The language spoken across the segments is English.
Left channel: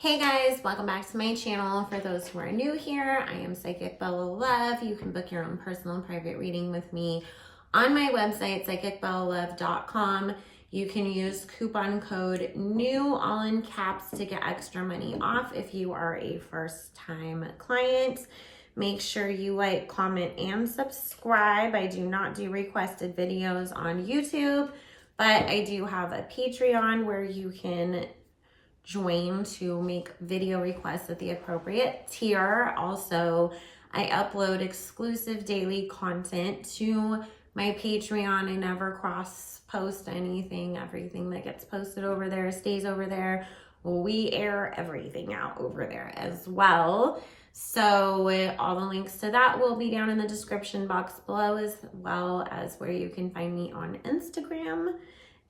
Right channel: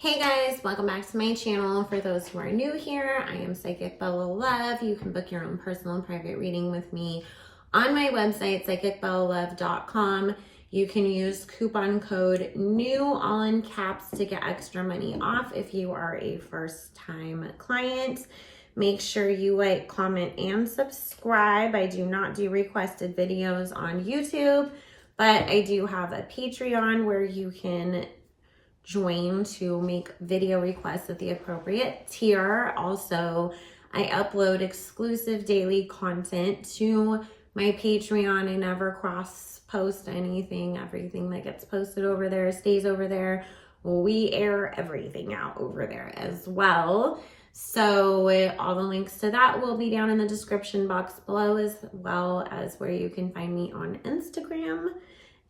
Hey guys, welcome back to my channel. For those who are new here, I am Psychic Bella Love. You can book your own personal and private reading with me on my website, psychicbellalove.com. You can use coupon code NEW, all in caps, to get extra money off if you are a first-time client. Make sure you like, comment, and subscribe. I do not do requested videos on YouTube, but I do have a Patreon where you can join to make video requests at the appropriate tier. Also, I upload exclusive daily content to my Patreon. I never cross post anything. Everything that gets posted over there stays over there. We air everything out over there as well. So all the links to that will be down in the description box below, as well as where you can find me on Instagram.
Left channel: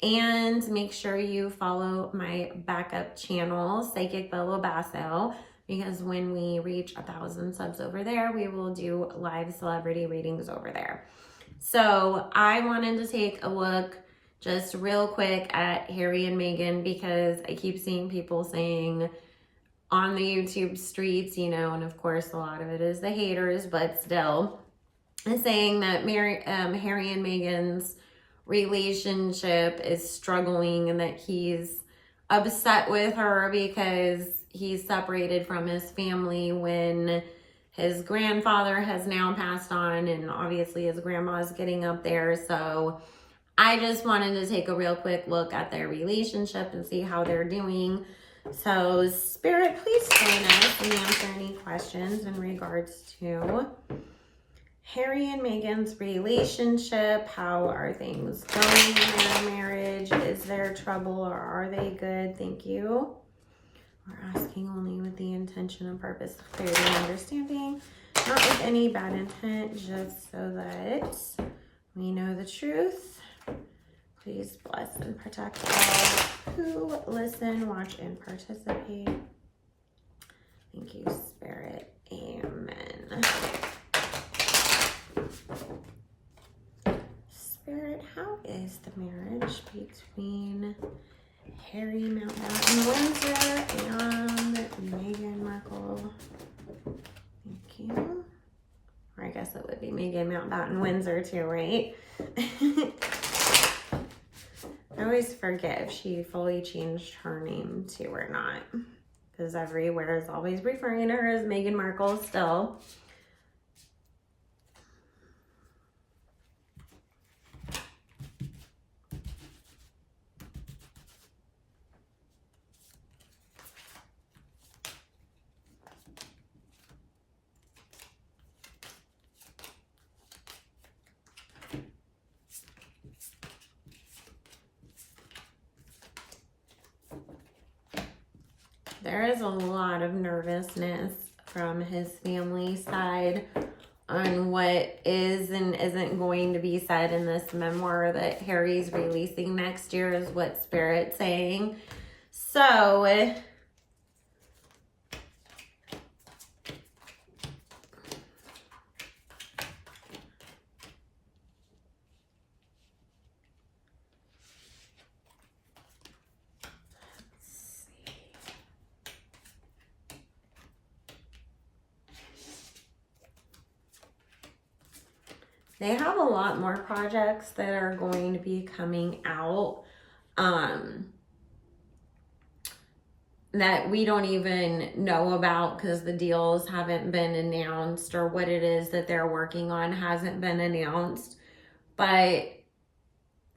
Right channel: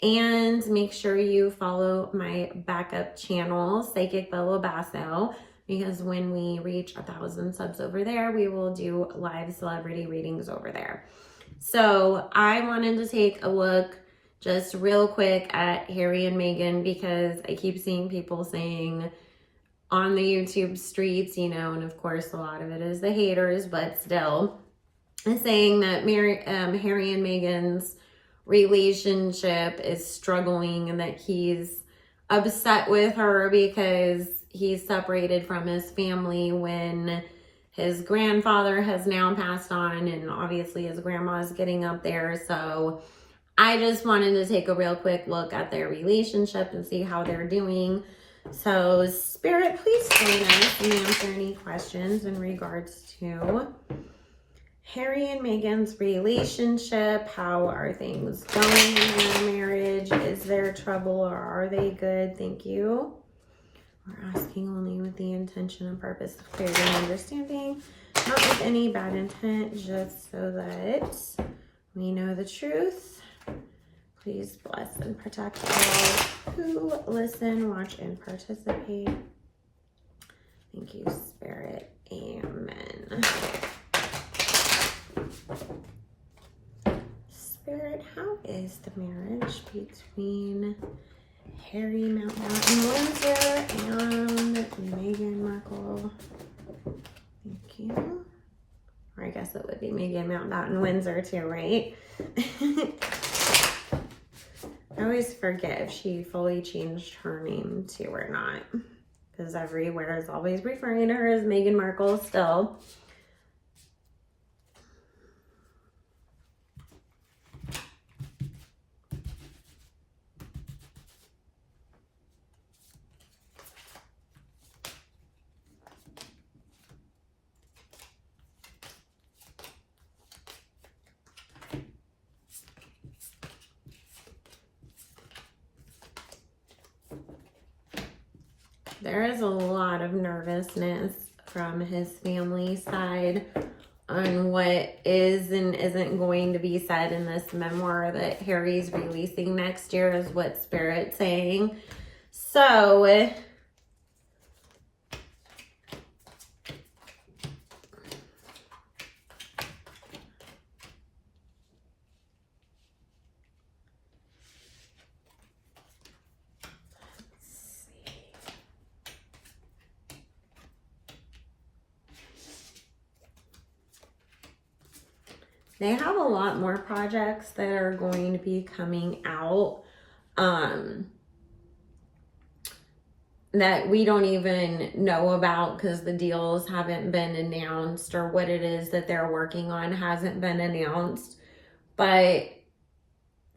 And make sure you follow my backup channel, Psychic Bella Basso, because when we reach 1,000 subs over there, we will do live celebrity readings over there. So I wanted to take a look just real quick at Harry and Meghan, because I keep seeing people saying on the YouTube streets, you know, and of course a lot of it is the haters, but still, saying that Harry and Meghan's relationship is struggling and that he's upset with her because he's separated from his family when his grandfather has now passed on, and obviously his grandma's getting up there. So I just wanted to take a real quick look at their relationship and see how they're doing. So Spirit, please join us and answer any questions in regards to Harry and Meghan's relationship. How are things going in their marriage? Is there trouble or are they good? Thank you. We're asking only with the intention and purpose of clarity and understanding, not with any bad intent, just so that we know the truth. Please bless and protect all who listen, watch, and participate. Thank you, Spirit. Amen. Spirit, how is the marriage between Harry Mountbatten Windsor and Meghan Markle? Thank you. Or I guess it would be Meghan Mountbatten Windsor too, right? I always forget if she fully changed her name too or not, because everywhere is always referring to her as Meghan Markle still. There is a lot of nervousness from his family side on what is and isn't going to be said in this memoir that Harry's releasing next year, is what Spirit's saying. So they have a lot more projects that are going to be coming out that we don't even know about because the deals haven't been announced, or what it is that they're working on hasn't been announced. But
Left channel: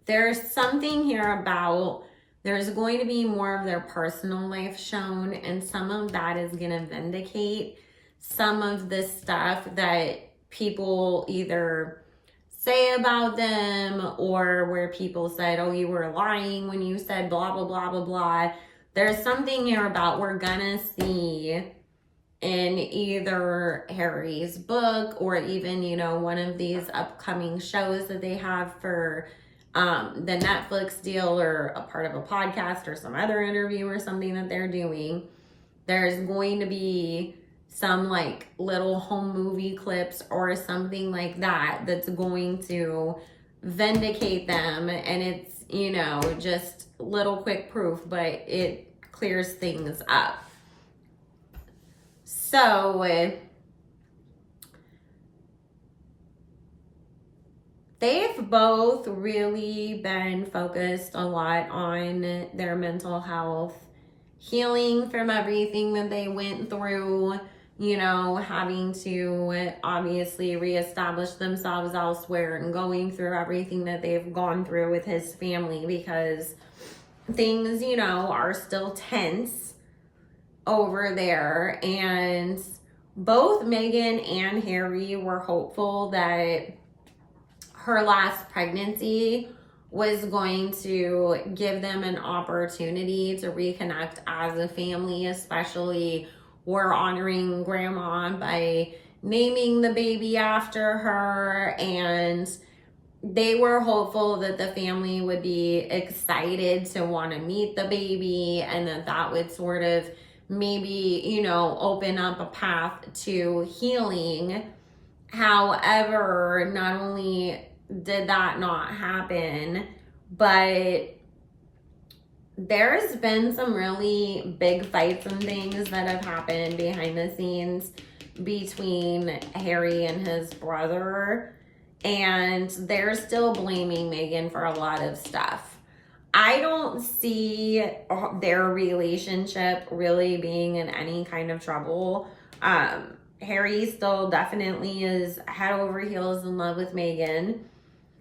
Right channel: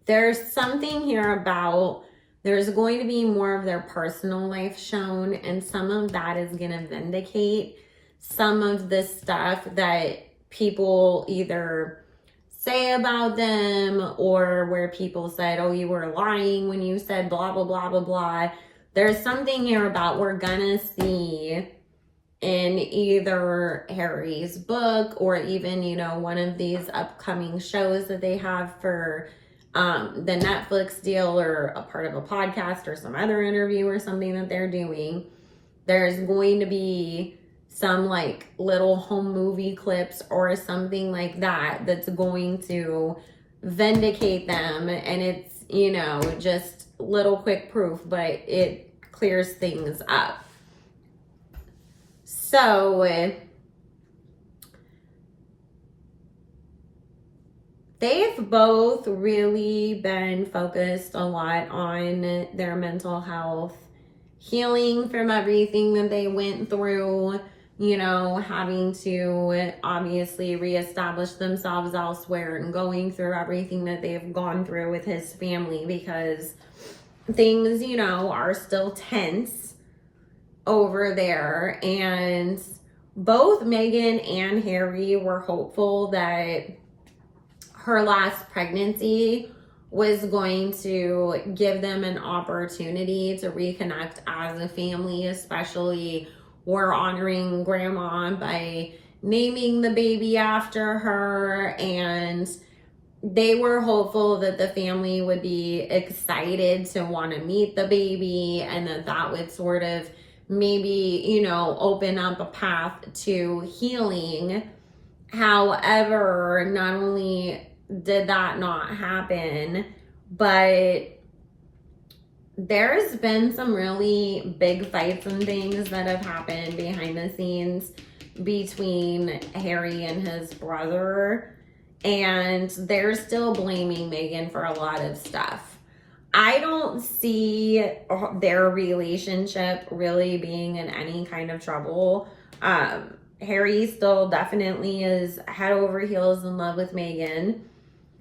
there's something here about there's going to be more of their personal life shown, and some of that is going to vindicate some of the stuff that people either say about them, or where people said, oh, you were lying when you said blah, blah, blah, blah, blah. There's something here about we're gonna see in either Harry's book or even, you know, one of these upcoming shows that they have for the Netflix deal, or a part of a podcast or some other interview or something that they're doing. There's going to be some like little home movie clips or something like that that's going to vindicate them, and it's, you know, just little quick proof, but it clears things up. So they've both really been focused a lot on their mental health, healing from everything that they went through, you know, having to obviously reestablish themselves elsewhere and going through everything that they've gone through with his family, because things, you know, are still tense over there. And both Meghan and Harry were hopeful that her last pregnancy was going to give them an opportunity to reconnect as a family. Especially, we're honoring grandma by naming the baby after her, and they were hopeful that the family would be excited to want to meet the baby, and that would sort of maybe, you know, open up a path to healing. However, not only did that not happen, but there's been some really big fights and things that have happened behind the scenes between Harry and his brother, and they're still blaming Meghan for a lot of stuff. I don't see their relationship really being in any kind of trouble. Harry still definitely is head over heels in love with Meghan.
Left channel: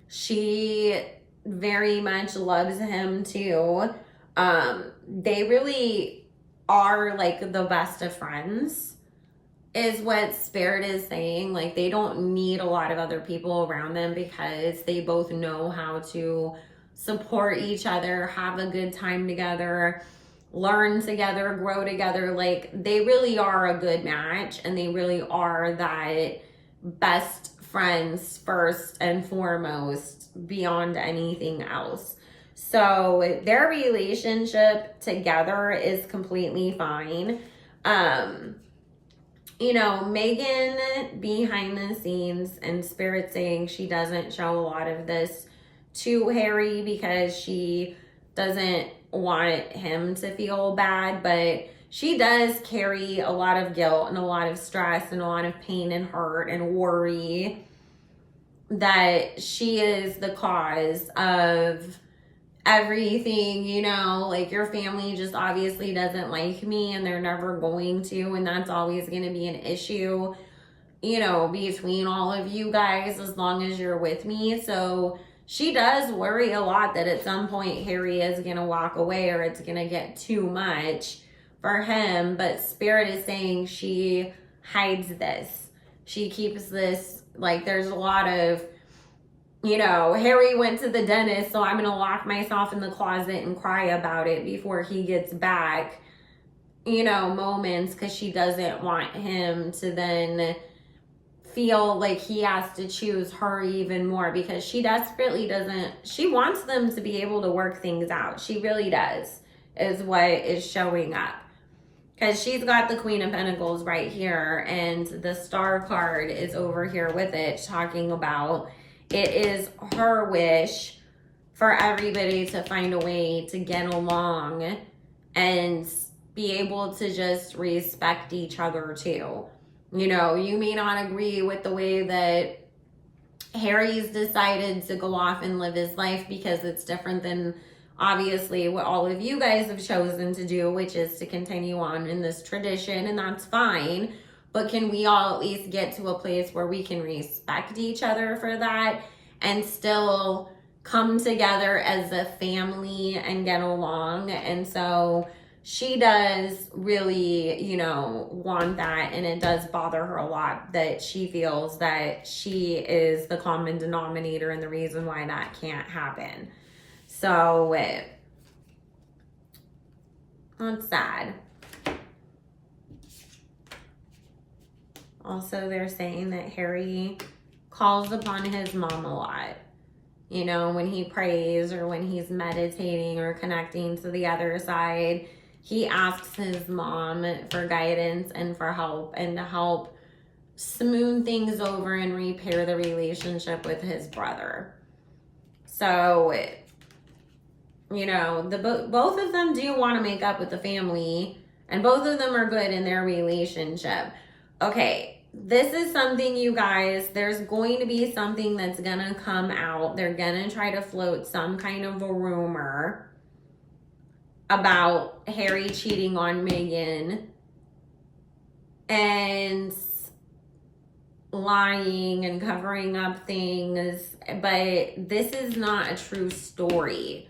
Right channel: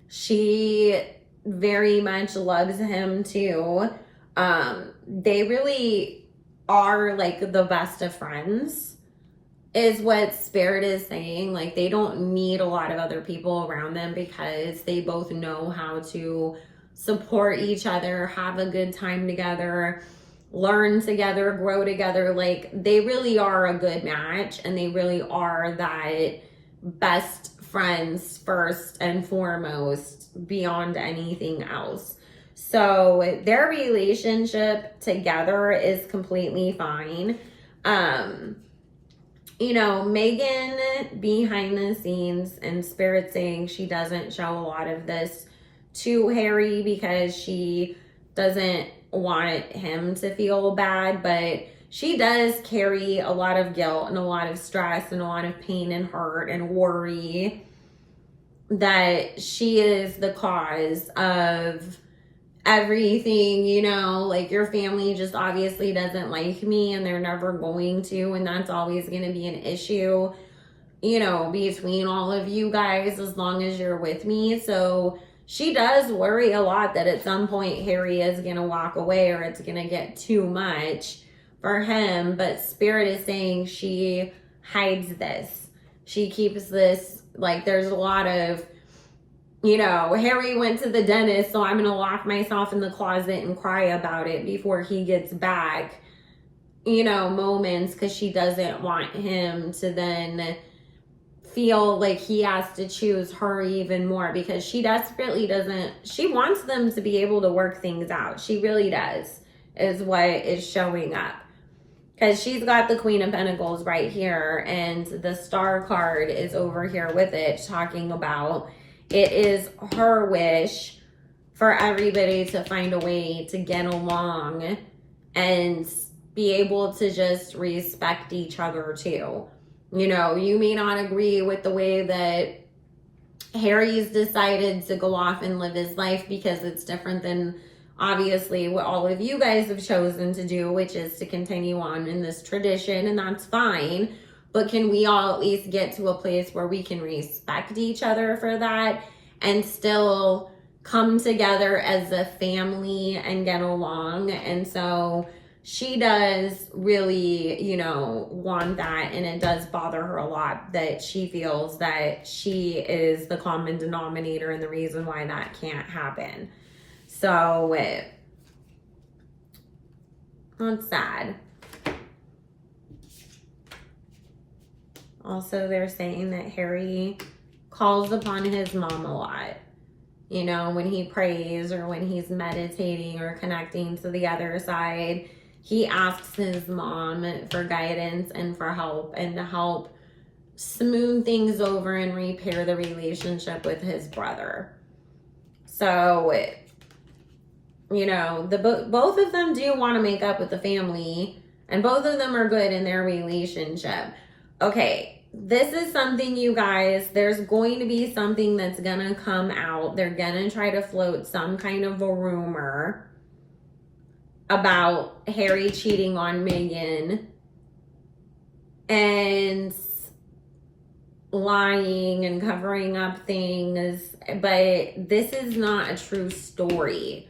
She very much loves him too. They really are like the best of friends, is what Spirit is saying. Like, they don't need a lot of other people around them because they both know how to support each other, have a good time together, learn together, grow together. Like, they really are a good match, and they really are that best friends first and foremost beyond anything else. So their relationship together is completely fine. You know, Meghan behind the scenes, and Spirit saying she doesn't show a lot of this to Harry because she doesn't want him to feel bad, but she does carry a lot of guilt and a lot of stress and a lot of pain and hurt and worry that she is the cause of everything. You know, like, your family just obviously doesn't like me, and they're never going to, and that's always going to be an issue, you know, between all of you guys as long as you're with me. So she does worry a lot that at some point Harry is going to walk away, or it's going to get too much for him. But Spirit is saying she hides this. She keeps this, like, there's a lot of, you know, Harry went to the dentist, so I'm going to lock myself in the closet and cry about it before he gets back, you know, moments, because she doesn't want him to then feel like he has to choose her even more, because she desperately doesn't, she wants them to be able to work things out. She really does, is what is showing up. Because she's got the Queen of Pentacles right here, and the Star card is over here with it, talking about it is her wish for everybody to find a way to get along and be able to just respect each other too. You know, you may not agree with the way that Harry's decided to go off and live his life, because it's different than obviously what all of you guys have chosen to do, which is to continue on in this tradition, and that's fine. But can we all at least get to a place where we can respect each other for that and still come together as a family and get along? And so she does really, you know, want that, and it does bother her a lot that she feels that she is the common denominator and the reason why that can't happen. So that's sad. Also, they're saying that Harry calls upon his mom a lot. You know, when he prays or when he's meditating or connecting to the other side, he asks his mom for guidance and for help, and to help smooth things over and repair the relationship with his brother. So, you know, both of them do want to make up with the family And both of them are good in their relationship. Okay, this is something, you guys, there's going to be something that's gonna come out. They're gonna try to float some kind of a rumor about Harry cheating on Meghan and lying and covering up things, but this is not a true story.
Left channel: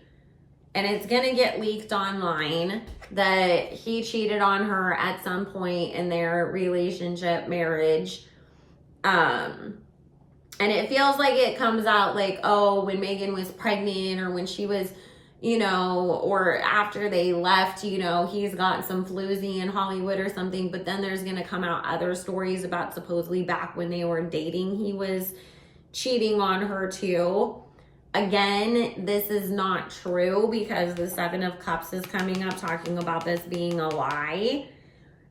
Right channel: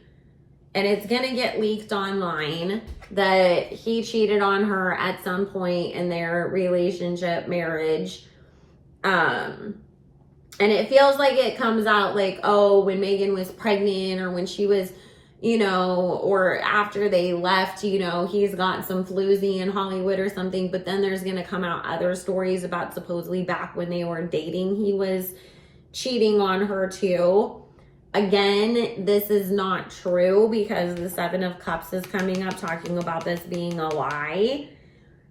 And it's gonna get leaked online that he cheated on her at some point in their relationship, marriage. And it feels like it comes out like, oh, when Meghan was pregnant, or when she was, you know, or after they left, you know, he's got some floozy in Hollywood or something. But then there's going to come out other stories about supposedly back when they were dating, he was cheating on her too. Again, this is not true, because the Seven of Cups is coming up talking about this being a lie.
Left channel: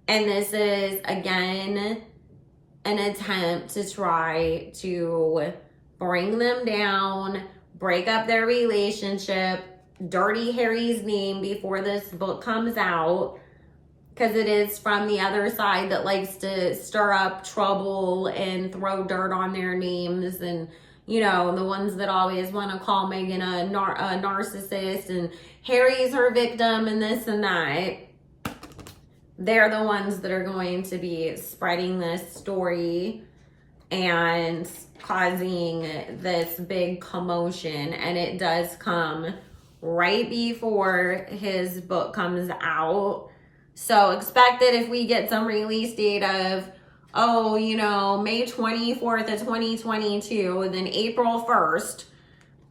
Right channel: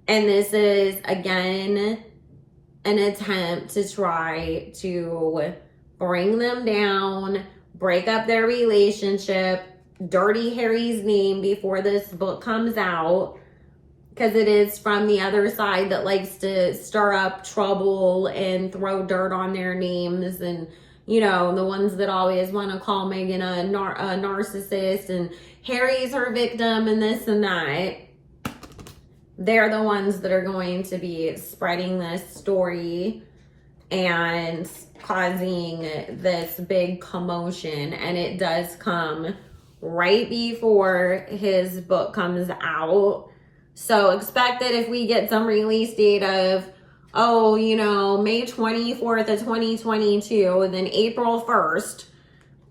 And this is, again, an attempt to try to bring them down, break up their relationship, dirty Harry's name before this book comes out, because it is from the other side that likes to stir up trouble and throw dirt on their names, and you know, the ones that always want to call Meghan a narcissist and Harry's her victim and this and that. They're the ones that are going to be spreading this story and causing this big commotion. And it does come right before his book comes out. So expect that if we get some release date of, oh, you know, May 24th of 2022, then April 1st,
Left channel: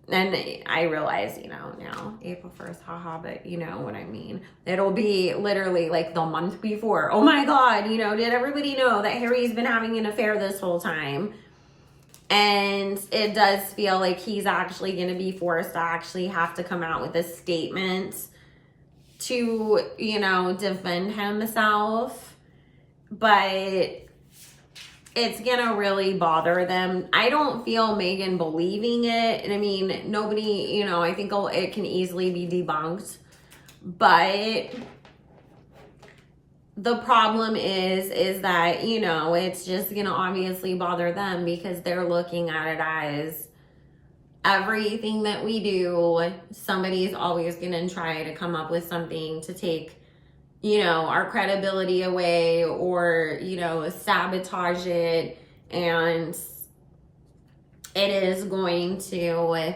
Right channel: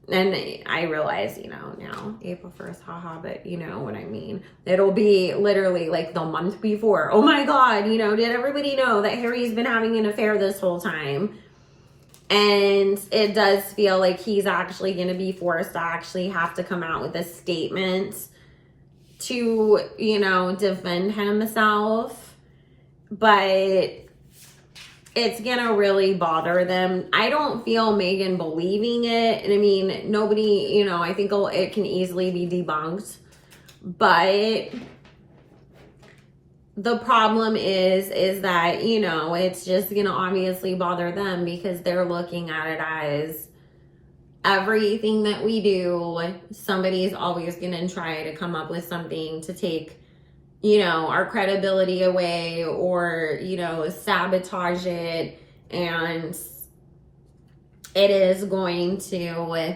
and I realize, you know, now April 1st, haha, but you know what I mean. It'll be literally like the month before. Oh my God, you know, did everybody know that Harry's been having an affair this whole time? And it does feel like he's actually going to be forced to actually have to come out with a statement to, you know, defend himself. But it's gonna really bother them. I don't feel Meghan believing it. And I mean, nobody, you know, I think it can easily be debunked. But the problem is that, you know, it's just gonna obviously bother them, because they're looking at it as everything that we do, somebody's always gonna try to come up with something to take, you know, our credibility away, or, you know, sabotage it. And it is going to,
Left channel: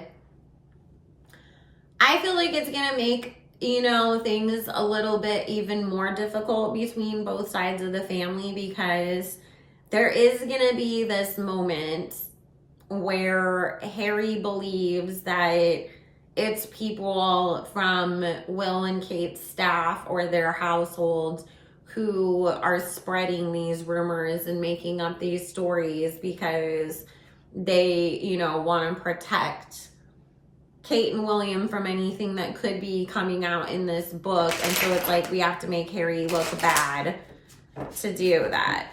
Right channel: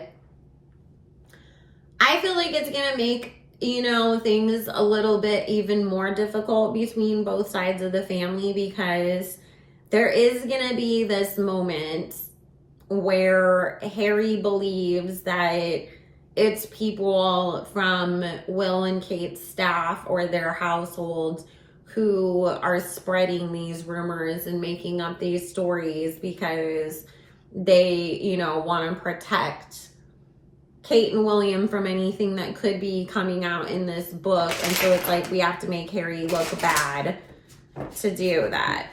I feel like it's going to make, you know, things a little bit even more difficult between both sides of the family, because there is going to be this moment where Harry believes that it's people from Will and Kate's staff or their households who are spreading these rumors and making up these stories because they, you know, want to protect Kate and William from anything that could be coming out in this book. And so it's like we have to make Harry look bad to do that.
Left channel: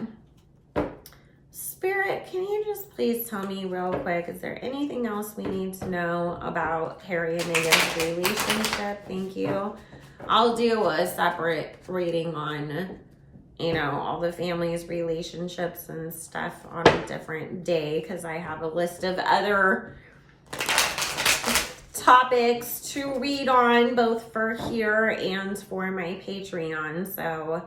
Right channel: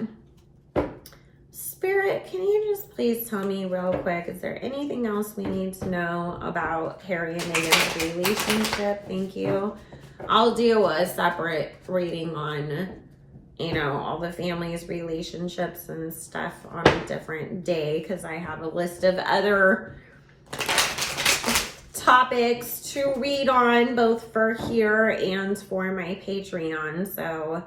Spirit, can you just please tell me real quick, is there anything else we need to know about Harry and Meghan's relationship? Thank you. I'll do a separate reading on, you know, all the family's relationships and stuff on a different day, because I have a list of other topics to read on, both for here and for my Patreon. So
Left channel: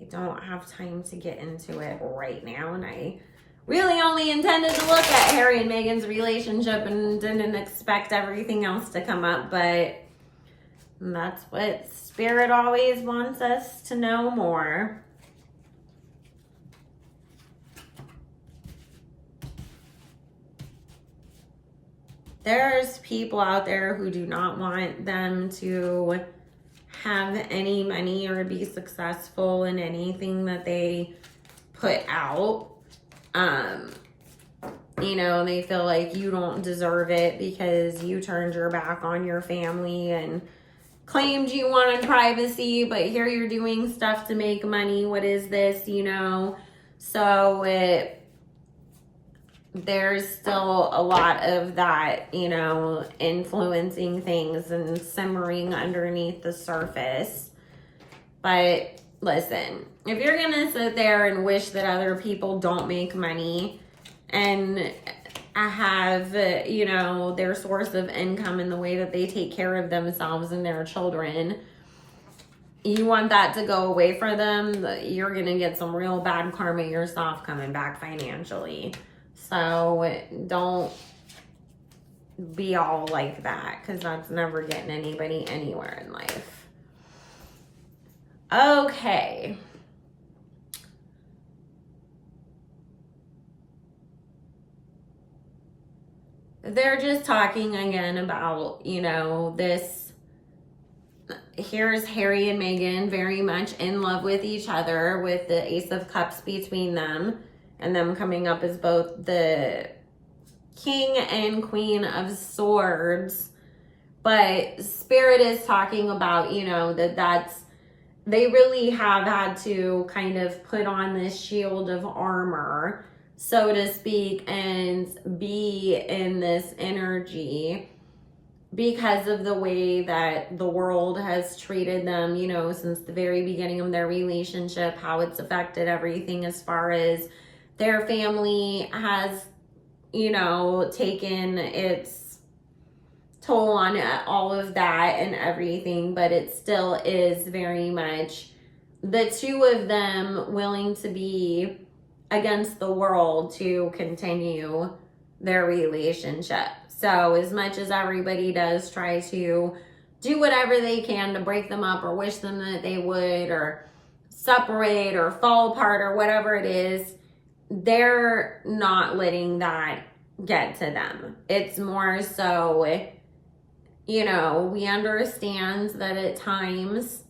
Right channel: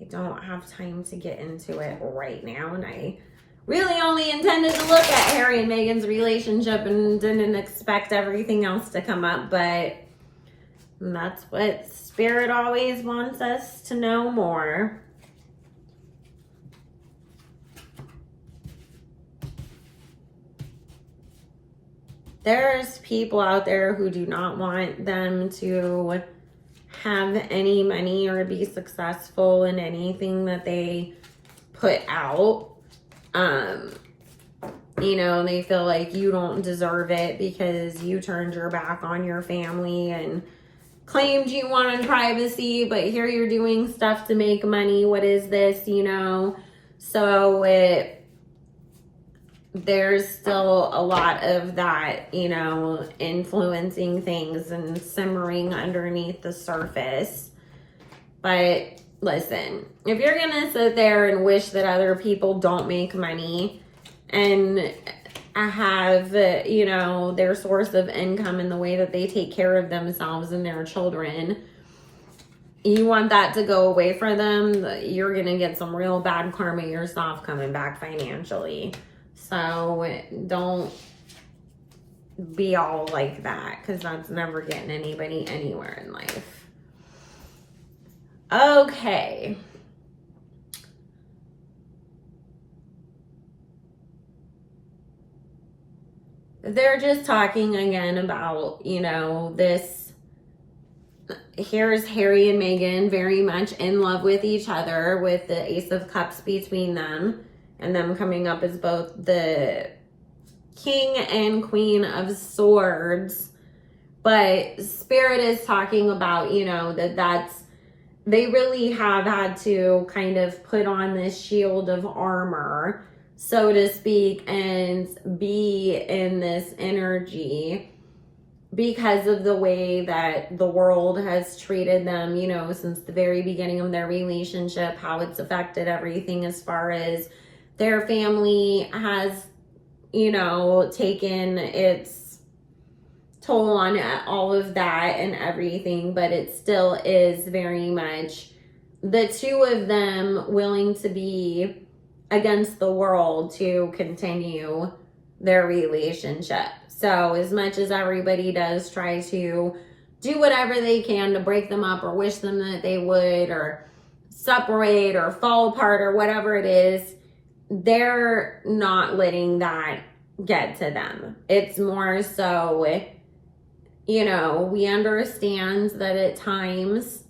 I don't have time to get into it right now, and I really only intended to look at Harry and Meghan's relationship and didn't expect everything else to come up, but that's what Spirit always wants us to know more. There's people out there who do not want them to have any money or be successful in anything that they put out. You know, they feel like you don't deserve it because you turned your back on your family and claimed you wanted privacy, but here you're doing stuff to make money. What is this, you know? So there's still a lot of that, you know, influencing things and simmering underneath the surface. But listen, if you're gonna sit there and wish that other people don't make money and have, you know, their source of income in the way that they take care of themselves and their children, you want that to go away for them, you're gonna get some real bad karma yourself coming back financially. So don't be all like that, because that's never getting anybody anywhere in life. Okay. They're just talking again about, you know, this. Here's Harry and Meghan very much in love with each other, with the Ace of Cups between them, and them coming up as both the King and Queen of Swords. But Spirit is talking about, you know, they really have had to kind of put on this shield of armor, so to speak, and be in this energy because of the way that the world has treated them, you know, since the very beginning of their relationship, how it's affected everything as far as their family has, you know, taken its toll on all of that and everything, but it still is very much the two of them willing to be against the world to continue their relationship. So as much as everybody does try to do whatever they can to break them up or wish them that they would, or separate or fall apart or whatever it is, they're not letting that get to them. It's more so, you know, we understand that at times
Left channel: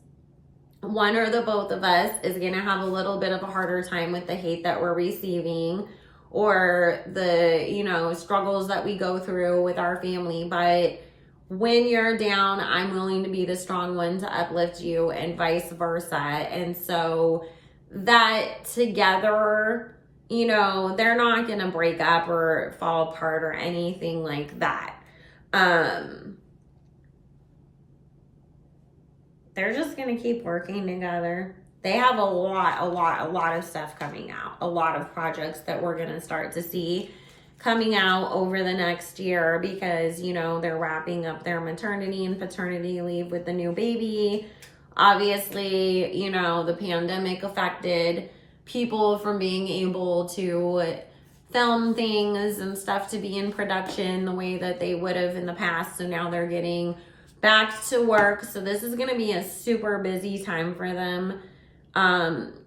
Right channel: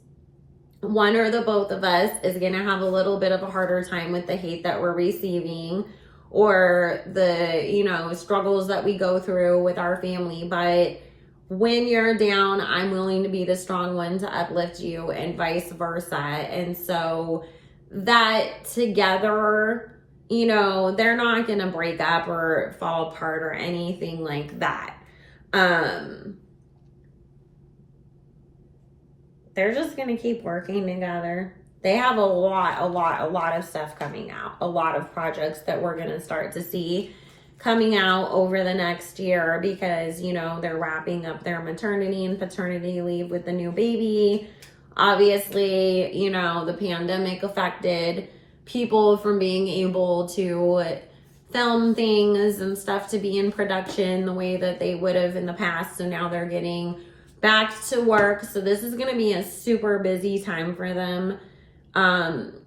one or the both of us is going to have a little bit of a harder time with the hate that we're receiving, or the, you know, struggles that we go through with our family. But when you're down, I'm willing to be the strong one to uplift you, and vice versa. And so that together, you know, they're not going to break up or fall apart or anything like that. They're just going to keep working together. They have a lot of stuff coming out. A lot of projects that we're going to start to see coming out over the next year, because, you know, they're wrapping up their maternity and paternity leave with the new baby. Obviously, you know, the pandemic affected people from being able to film things and stuff to be in production the way that they would have in the past. So now they're getting back to work. So this is going to be a super busy time for them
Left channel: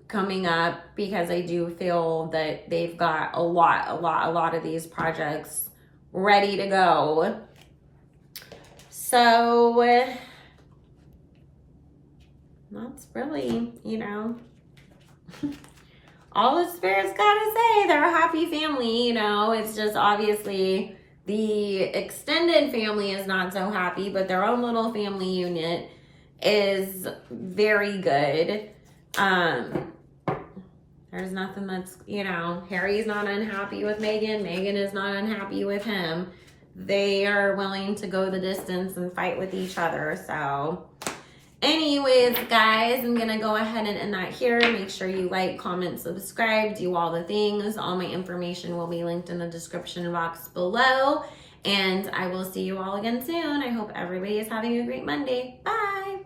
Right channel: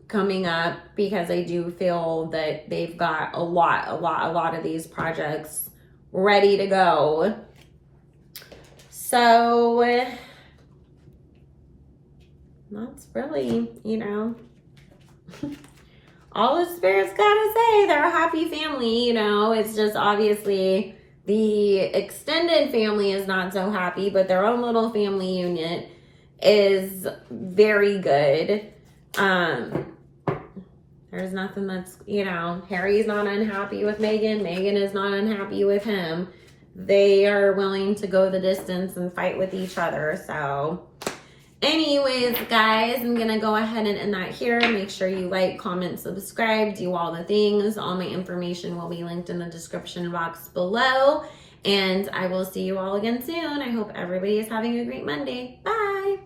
coming up, because I do feel that they've got a lot of these projects ready to go. So that's really, you know, all the Spirit's got to say. They're a happy family, you know. It's just obviously the extended family is not so happy, but their own little family unit is very good. There's nothing that's, you know, Harry's not unhappy with Meghan. Meghan is not unhappy with him. They are willing to go the distance and fight with each other. So anyways, guys, I'm going to go ahead and end that here. Make sure you like, comment, subscribe, do all the things. All my information will be linked in the description box below. And I will see you all again soon. I hope everybody is having a great Monday. Bye.